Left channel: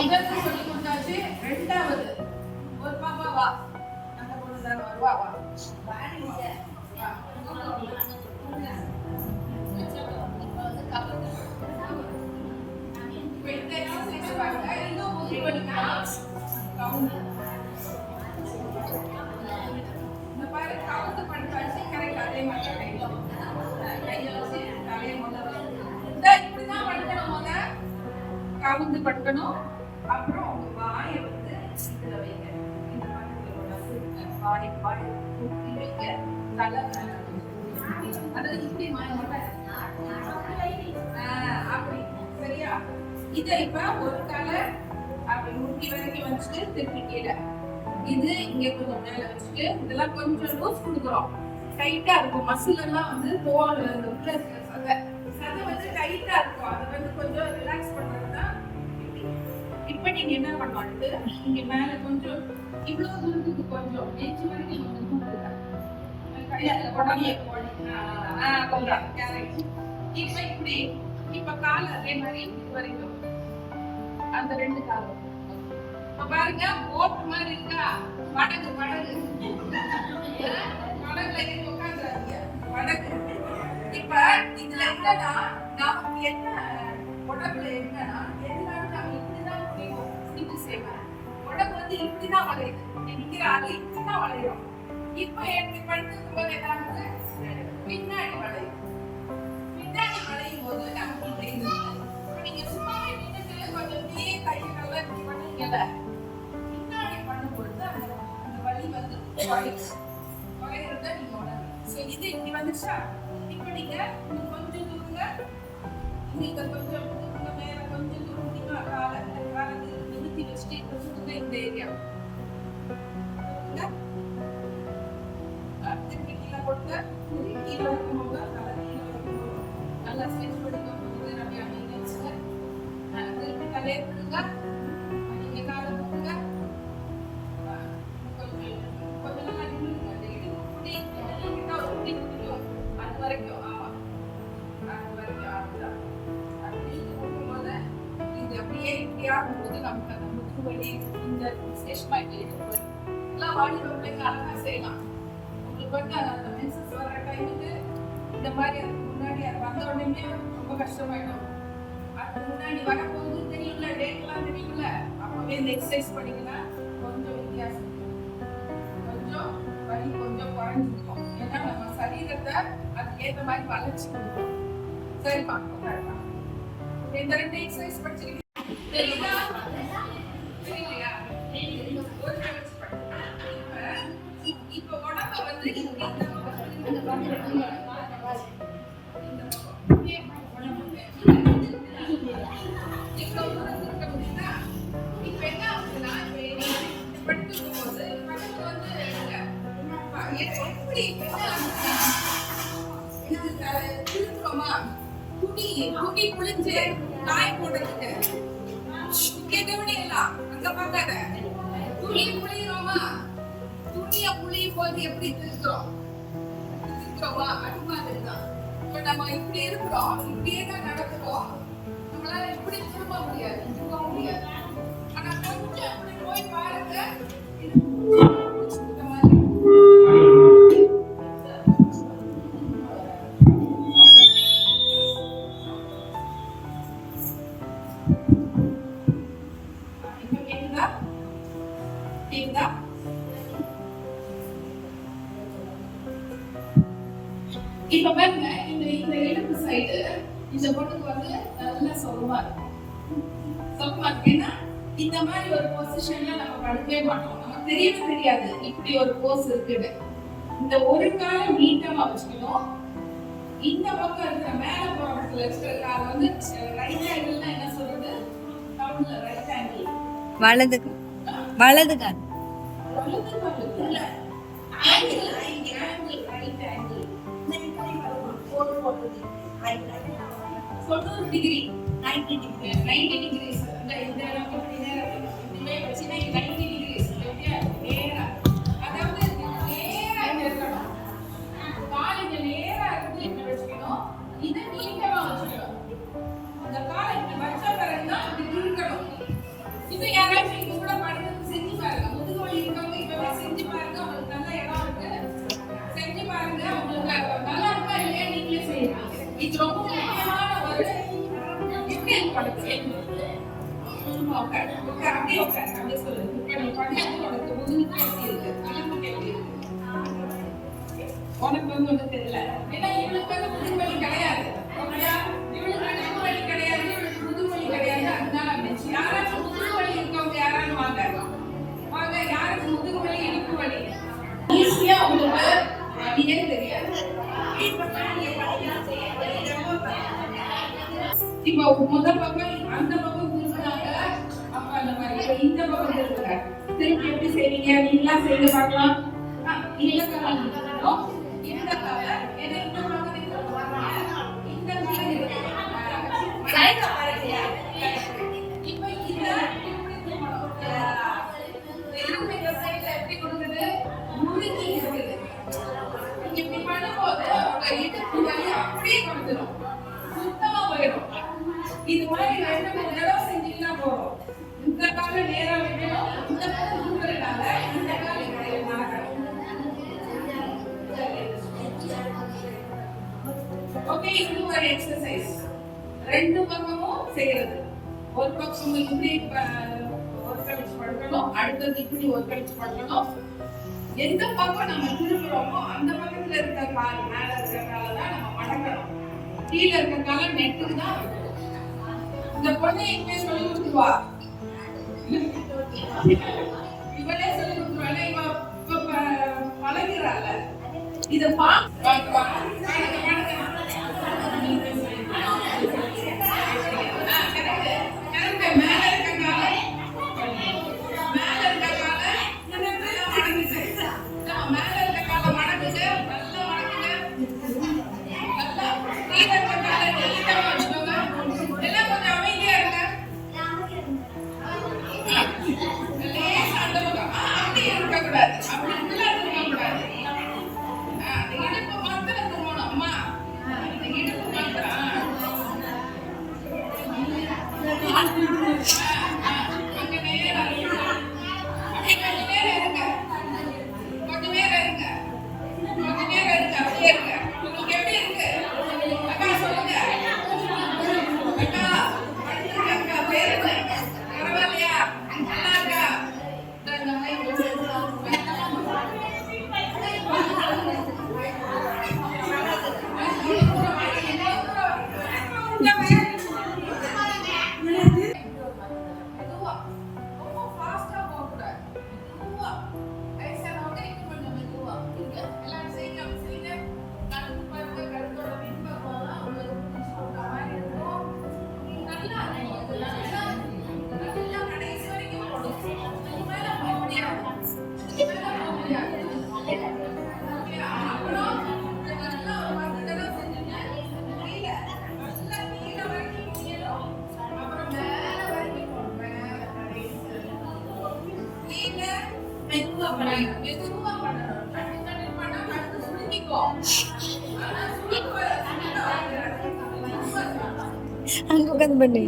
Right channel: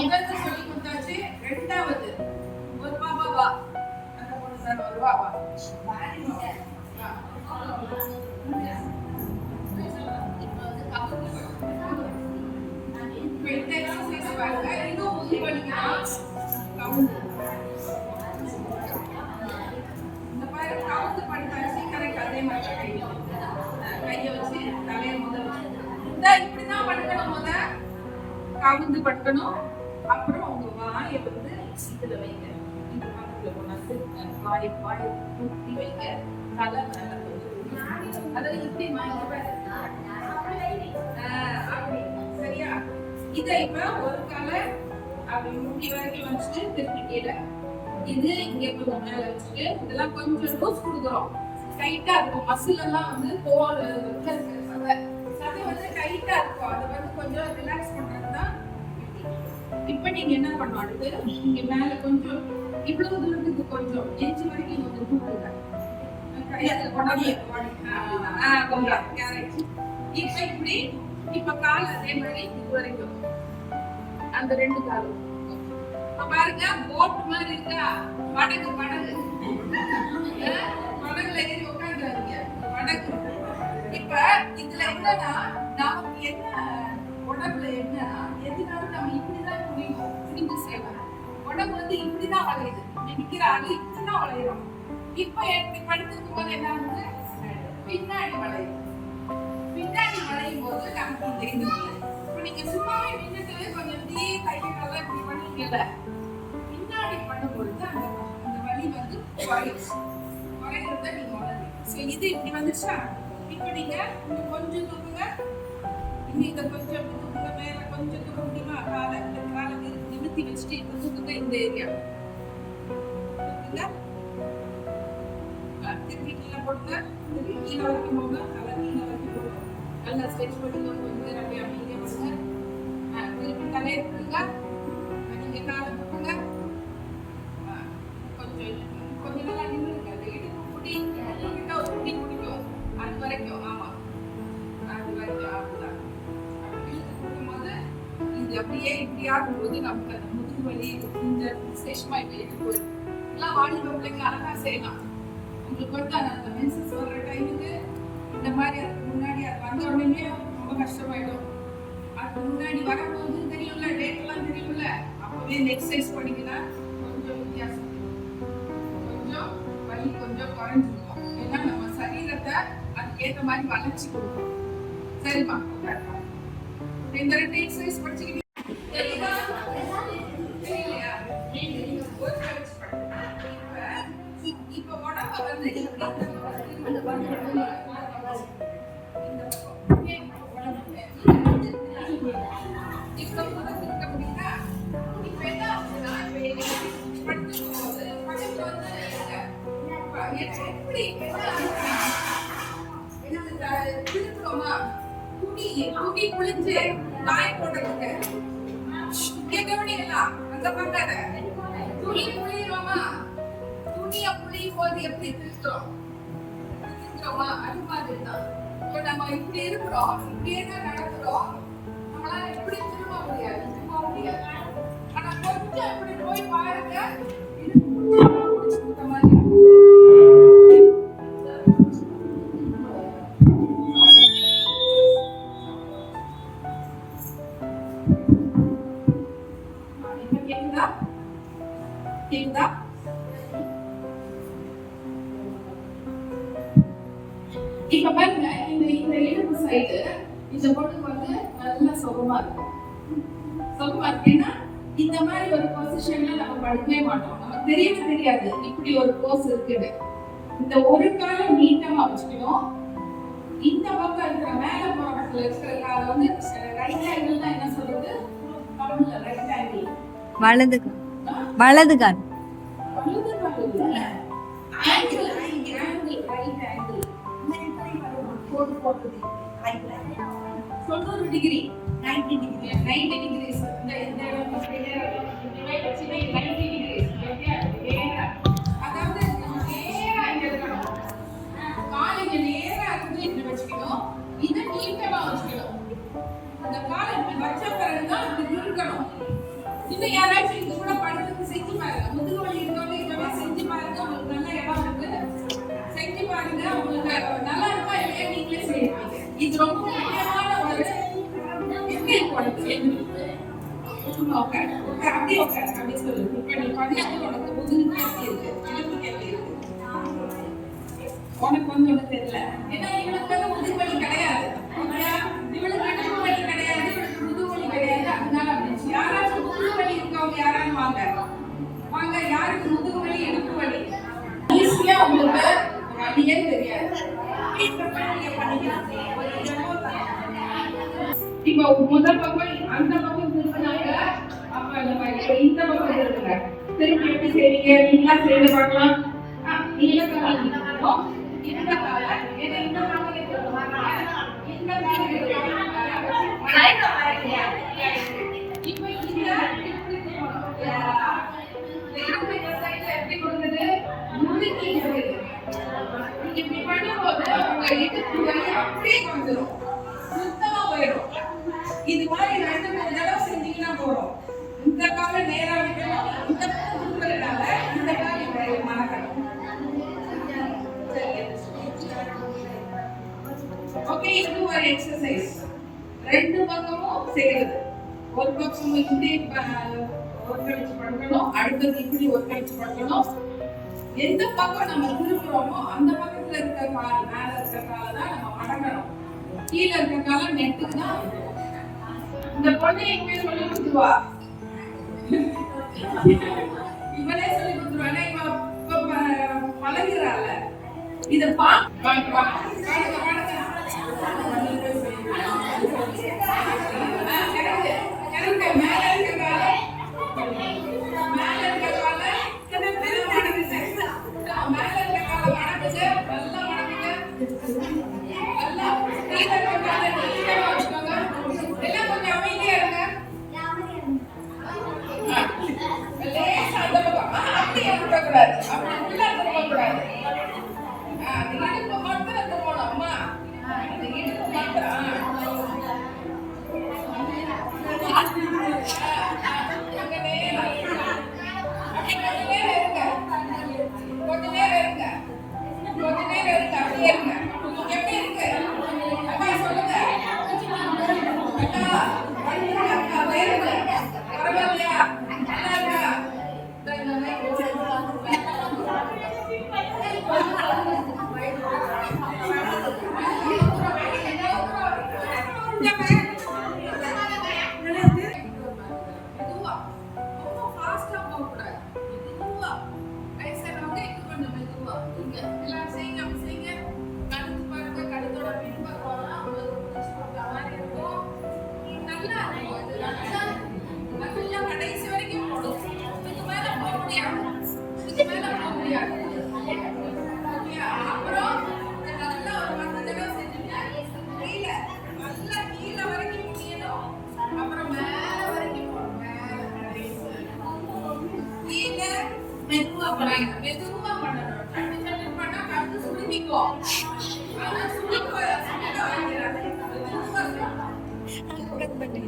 முதல்ல சொல்லி கொடுத்தாச்சு. ரெண்டாவது ஒரு பாப்பா வா, அந்த பொண்ணு தான் வருவா. வா இந்த மாதிரி கவுந்து பண்ணிட்டாச்சு. கரெக்ட் அதே மாதிரி கையை வச்சு தலையை முதல்ல இப்படிதான் படுக்கணும். கவுந்து படுக்கணும். அப்புறம் உங்க வாயை வந்து இதுல வைங்க. இந்த பக்கத்துல கொண்டாந்து வாயை தூக்கி வைங்க. தலை அதாவது இப்படி அப்படி சரியா? இதை இப்ப ஒரு தலை அப்படி முட்டி வரைக்கும் வச்சுட்டு திருப்பி கீழே, இது இங்க கொஞ்சம் மேல வச்சுட்டு இதெல்லாம் கொஞ்சம் லூஸ் கொடுக்குறோம். டைட்டா இருக்கும். மசில் எல்லாம் வந்து தோல் உள்ள இருக்கிற சதை வந்து டைட்டா இருக்கும். அது வந்து கொஞ்சம் ரிலாக்ஸ் பண்றதுதான். இப்ப நீங்க என்ன பண்ணணும், இங்க மேல கொஞ்சம் இவ்வளவு தூரத்துக்கு கொஞ்சம் எஞ்சி வரைக்கும் கொஞ்சம் தூக்குங்க. இப்ப இப்படி இப்ப கால அதே மாதிரி இது வரைக்கும் அந்த ரெண்டு காலம் பாருங்க. போட் மாதிரி இருக்கா? படகு படகுல ஏறி உட்காந்துறாங்க. படகு. இப்ப இதுல என்னன்னா நமக்கு என்ன உடம்புல என்னன்னா எதுனாலும் நம்ம இப்படிதான் குடிந்து செய்வோம். உடம்பு வந்து இப்படிதான் வளையுது. நிக்கிற ஆளு இப்படிதான் வளையும். இப்ப எப்படி படுத்துக்கும் போது என்ன ஆகுது? பின்னாடி வளையும். பின்னாடி வளையும் போது நமக்கு இந்த இப்ப நீங்க சும்மாவே நின்றுட்டு கொஞ்சம் இப்படியே கையெல்லாம் இப்படி பண்ணீங்கல்ல, பின்னாடி பண்ணும்பொழுது அந்த வலி வந்து குறைகிறத நீங்க உணர்வீங்க. இது இப்படி வந்துச்சா? இப்ப நீங்க கொஞ்சம் தூக்குங்க. இங்க கொஞ்சம் தூக்குங்க. மேல கொஞ்சம் தூக்க முடியுமா? காலை நிமித்தி வச்சுட்டு இப்ப தூக்குங்க. இந்த ஏரியா திருப்பி கீழே போட்டு கீழே வரைக்கும் போங்க. தலை கீழே வரைக்கும் போங்க. நல்லா ஸ்ட்ரெச் பண்ணிக்கோங்க. கொஞ்சம் அப்படியே அமைதியா வச்சுங்க. திருப்பி தலையை தூக்குங்க. நீங்க காலை தூக்குங்க. கொஞ்சம் நல்லா நிமிருங்க. அந்த இடுப்பு புடி கிட்ட ஒரு புடி பிடிக்கும். அது வரைக்கும். ஆமா, அது வரைக்கும். அதுதான் அப்படி கொடுக்கும்போது இது அப்படியே இப்படி ஆகும்போது நமக்கு அந்த முதுகு வலி இந்த சேஷமா இப்படி போயிடும். எல்லாம் வாலிப பிள்ளைங்க அழகா செய்யலாம். உங்களுக்கு வந்து அந்த மென்சஸ் வர்ற டைமுக்கு இந்த மாதிரி அதுக்கு முன்னாடி வந்த உடனே ரொம்ப கஷ்டமாயிடும். அதுக்கு முன்னாடி வரப்போகுது தெரியும்ல, டேட் எல்லாம் தெரியும்ல, அப்பவே இந்த எக்ஸசைஸ் பண்ணிங்கன்னா கொஞ்சம் வித்தியாசம், கொஞ்சம் வலி கொஞ்சம் குறைஞ்சிருக்கும். ஏன்னா நம்ம சரீரத்தை அதுக்கு ஏற்ற மாதிரி வளர்ச்சி கொடுக்கும். சரிப்பா, இந்த ரெண்டு எக்ஸசைஸ் படிச்சுக்கிட்டீங்க. இப்ப உடம்ப வந்து துணி குளிச்சு காய போடுறதுக்கு கவனியெல்லாம் அங்க பார்க்காத. துணி புளியிறோமா? துணிய புளியும் போது எப்படி திருக்கிறோமா? அது மாதிரிதான். இப்ப நம்ம இப்படி இருக்கிறோம், இப்படியே தான் நடக்கிறோம். நம்மளால இப்படி திரும்ப முடியாது. ஆனா கொஞ்சம் இப்படி போய் பாருங்க. இப்ப பாருங்க, இந்த இடுப்பு சைடு இந்த பொண்ணுக்கு வந்து நல்லா சுகமா இருக்கும். ஏன்னா இந்த மாதிரி ஒரு பொசிஷன்ல நம்ம படுக்கவே மாட்டோம். நமக்கு தெரியவே தெரியாது இப்படி ஒரு போஸ் இருக்குன்னு. இந்த ஒரு காலை நீட்டமா வச்சுக்கணும். இந்த பக்கம் இருக்கிற மேல பக்கத்துல இருக்கிற காலை வந்து ரைட் ஆங்கிள் தான். என்ன சொல்றது தமிழ்ல? Right angle. வலது கால். வலது கால் இல்ல, angle right angle. 90 degree 90 degrees. இந்த இப்படியே வச்சுனா 90 டிகிரிஸ். நேரா, அதாவது நேரா இருக்கணும். கால் இங்க நேரா இருந்து இப்படி வச்சுக்கணும். இதை நீட்டமா வச்சுக்கணும். அந்த காலை இப்படி வச்ச பிறகுதான் இப்படி இருக்கணும். இன்னும் யாராச்சும் இங்க கூட படுத்து செஞ்சு பாருங்க. முதுகு வலி இருக்கவங்க இப்பவே செஞ்சு பாருங்க. உங்களுக்கு நல்ல இடம் இருக்கு. செஞ்சு பாருங்க. உங்களுக்கு நல்லா இருக்கா இல்லையா நீங்களே செய்யலாம். இது ரொம்ப முக்கியமான ஒரு எப்படி உனக்கு அப்படியே உட்காரு அப்படி சொல்லுங்க. இப்ப நீ பண்ணது உனக்கு முதுகுக்கு எப்படி இருக்கு, இடுப்புக்கு எப்படி இருக்கு? உனக்கு வந்து ஒண்ணு தெரியல. ஏன்னா இவனுக்கு வந்து முதுகு வலி கிடையாது. ஓகேயா? இவனுக்கு இடுப்பு வலி கிடையாது, இவனுக்கு முதுகு வலி கிடையாது. அதனால இருந்துச்சு. யாராச்சும் முதுகு வலி இருக்கவங்க யாராலும் வாங்க வாங்க. யாருக்கு முதுகு வலி இடுப்பு வலி ஈஸியா உங்களுக்கு அப்படியே தெரியாது. இப்போ முதல் பக்கம் அந்த பக்கம் திரும்பினாங்க. அப்ப நம்ம இப்ப இந்த பக்கம் திரும்புங்க. திரும்பி எப்படி செய்வீங்க? நீங்களா செய்து பார்க்கலாம். நீங்களே பண்ணலாம். இந்த கால ஏன்னா இந்த பக்கம் இந்த மாதிரி இப்ப இந்த இப்படி திரும்பணும். திரும்ப இந்த சைடுல எப்படி கொடுக்குது? முறுக்கி இருக்குது. இப்படி பண்ணும்போது உங்க இடுப்பு வலி அப்படியே வந்துடும், சுத்தமா போயிடும். இது மாதிரி 2-3 தடவை செஞ்சீங்கன்னா போதும். இந்த கால நேரா வைக்கணும், இந்த பக்கம் திரும்புறதுனால இந்த கால மறக்கணும். ஓகே, இது ஒரு எக்ஸசைஸ். 2 பக்கமும் செய்யறது. ஒரு பக்கம் இப்படி ஒரு கழிச்சு பண்ணணும், அடுத்தது இப்படி ஒரு கழிச்சு பண்ணணும். எந்த பக்கம் நம்ம திரும்புறோமோ அந்த பக்கத்துல இருக்க கால் மேல இருக்க கால தான் நம்ம மடக்கணும். கீழே இருக்க கால நெட்டுக்கு தான். இந்த பொண்ணு எங்க சொல்லி கொடுத்துருவா, இவளே சொல்லி கொடுத்துருவா. இவ பழகிறாள். இத Aku kan bener.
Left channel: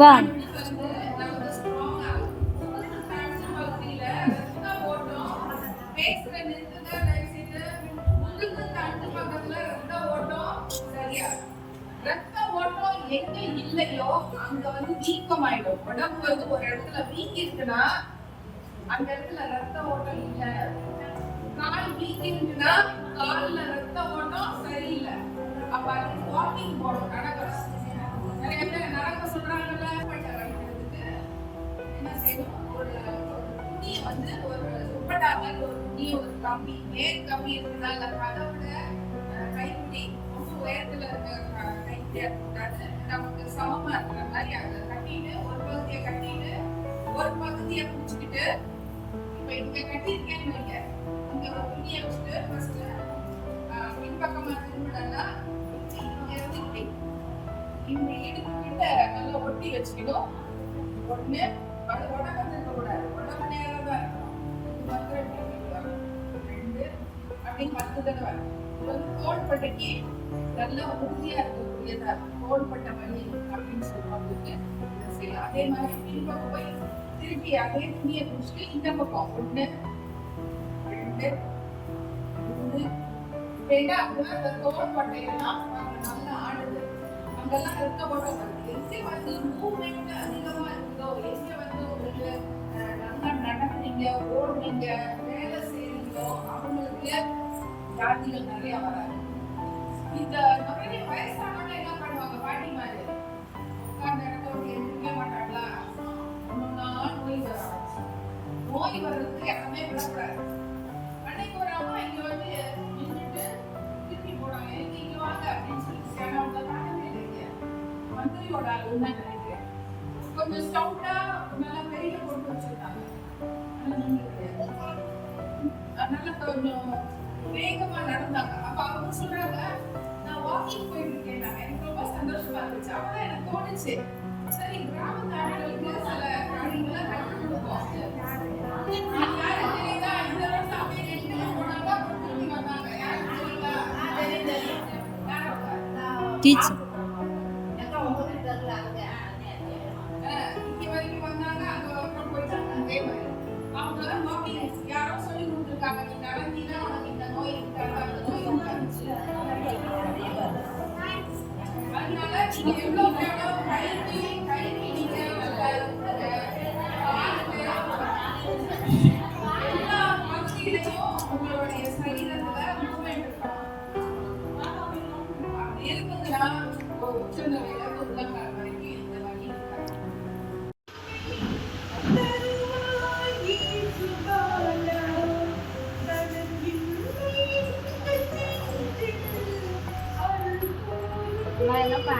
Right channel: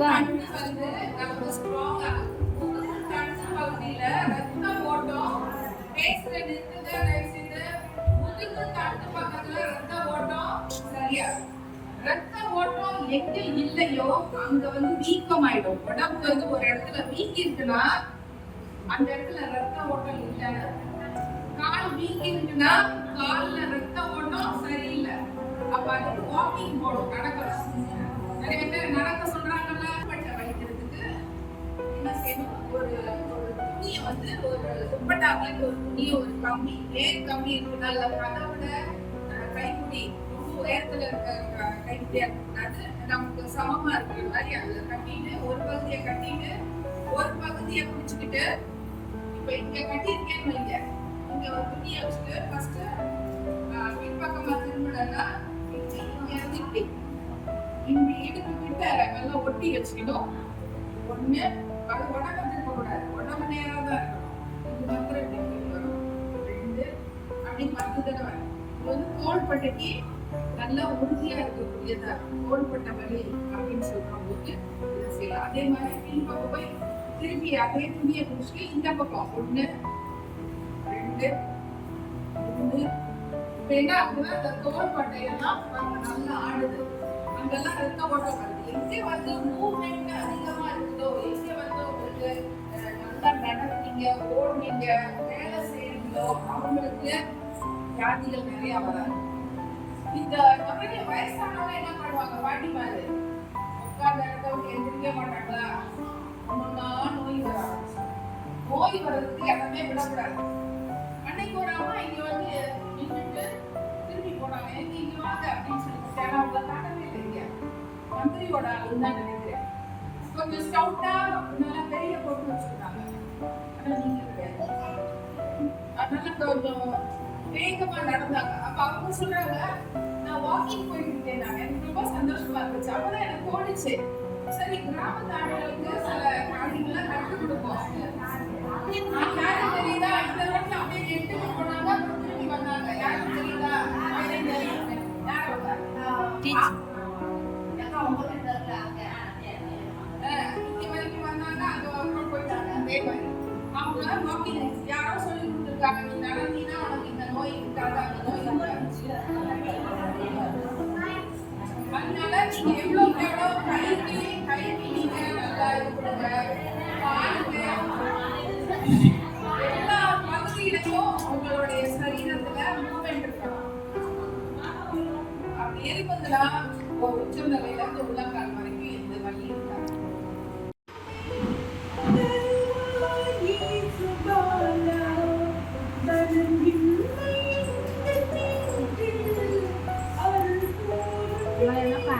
Bang. ரத்த ஓட்டம் எங்க இல்லையோ அங்க வந்து வீக்கம் ஆயிடும். உடம்பு வந்து ஒரு இடத்துல வீக்கி இருக்குன்னா அந்த இடத்துல ரத்த ஓட்டம் இல்ல. கால் வீக்கி இருக்குன்னா கால்ல ரத்த ஓட்டம் சரியில்லை. அப்ப அதுக்கு வாக்கிங் போகணும், நடக்கணும். நிறைய பேர் நடக்க சொல்றாங்கல்ல. வைக்கிறதுக்கு என்ன செய்யணும்? ஒரு துணியை வந்து ஒரு துப்பட்டாங்க ஒரு துணியை ஒரு கம்பி ஏன் கம்பி இருக்குதா இல்ல கதவுல கைப்பிடி ரொம்ப உயரத்துல இருக்க கைப்பிடியா இருக்கக்கூடாது, நமக்கு சமமா இருக்கிற மாதிரி அதுல கட்டிட்டு ஒரு பகுதியை கட்டிட்டு ஒரு பகுதியை பிடிச்சுக்கிட்டு இப்ப இங்க கட்டிருக்கேன்னு வைங்க, இங்க ஒரு துணியை வச்சுட்டு ஃபர்ஸ்ட் பின்பக்கமா திரும்பினா இங்க இருந்து இப்படி இடுப்பு கிட்ட நல்லா ஒட்டி வச்சுக்கணும். ஒண்ணு அது உடம்பு இருக்கக்கூடாது, உடம்பு நேரம் தான் இருக்கணும். இது மாத்திரம் இப்படி வரும். 2 அப்படி 10 தடவை. இது வந்து தோள்பட்டைக்கு நல்ல உறுதியா இருக்கக்கூடியதா இருக்கும். தோள்பட்டை வலி அப்படின்னு சொல்லும்போது இதை செய்யலாம். அதே மாதிரி பின்பக்கம் போய் திருப்பி அதே துணியை குடிச்சிட்டு இந்த பக்கம் 1 2 3 இப்ப என்ன ஆகுதுன்னா இந்த தோள்பட்டையெல்லாம் நம்ம நல்லா ஆடுது, அங்கெல்லாம் ரத்த ஓட்டம் வருது. எங்க வந்து மூவ்மெண்ட் அதிகமா இருக்குதோ, எங்க வந்து உங்களுக்கு நல்லா நடந்தீங்க, ஓடுனீங்க, வேலை செய்றீங்களோ அவங்களுக்கு வியாதிகள் நிறைய வராது. இந்த நிறைய வயசானவங்க என்ன பண்ணுவாங்க, பாட்டி மாதிரி உட்கார்ந்த இடத்த விட்டு எந்திரிக்க மாட்டாங்களா, ஒன்னா நோய் வர ஆரம்பிச்சு. நோய் வர்றதுக்கு இடமே விடக்கூடாது. அன்னைக்கு ஒரு அம்மா இங்க வந்து நின்றுட்டு திருப்பி போனாங்க, எங்க இங்க வாங்க அப்படின்னு சொல்லிட்டு. ஏன்னா அவங்க காட்டவே இல்லைங்க, மந்திரியோட ஆளுன்னு நினைக்கிறேன். கொஞ்சம் ஸ்டவுட்டா நல்லா வெளியில போட்டு வச்சிருந்தாங்க. ஆனா நீங்க கிடையாது. அதனால கொஞ்சம் வேகமா நடந்தாங்க. அப்ப அவங்க சொல்றாங்க, நான் வாக்கிங் போயிட்டு இருக்கேன். எனக்கு ரொம்ப சந்தோஷமா இருந்துச்சு. அப்பதான் எனக்கு தோணுச்சு, சரி கிராமத்து ஆளுகளுக்கு சில காரியங்கள்லாம் கற்றுக் கொடுப்போம். யாரும் தெரியுதா, இந்த ரோட்ல அப்படியே எடுத்துட்டு போனாங்க, அப்புறம் திரும்பி வந்தாங்க. யாரும் தெரியுதா, டீச்சர் இங்க வரைக்கும் வந்தாங்க, அங்க வரைக்கும் போயிட்டாங்க. அதே மாதிரி அவங்க வாக்கிங் யாரோ சொல்லி கொடுத்துருக்காங்க, நீ நடந்தீங்கன்னா உனக்கு இந்த நோய் இருக்காது, அந்த நோய் இருக்காது. அதனால நீங்க எவ்வளவு எவ்வளவு கல்வி நீங்க நல்லா இருக்கிறத பாருங்க. எல்லா பகுதியிலையும் உங்களுடைய சரீரத்துல மூவ்மெண்ட் இருக்கணும். அப்படி இருப்பதுனா உச்சநிலையில இருந்து உள்ளங்கால் வரைக்கும் எந்த வலி இருக்காது. என்னப்பா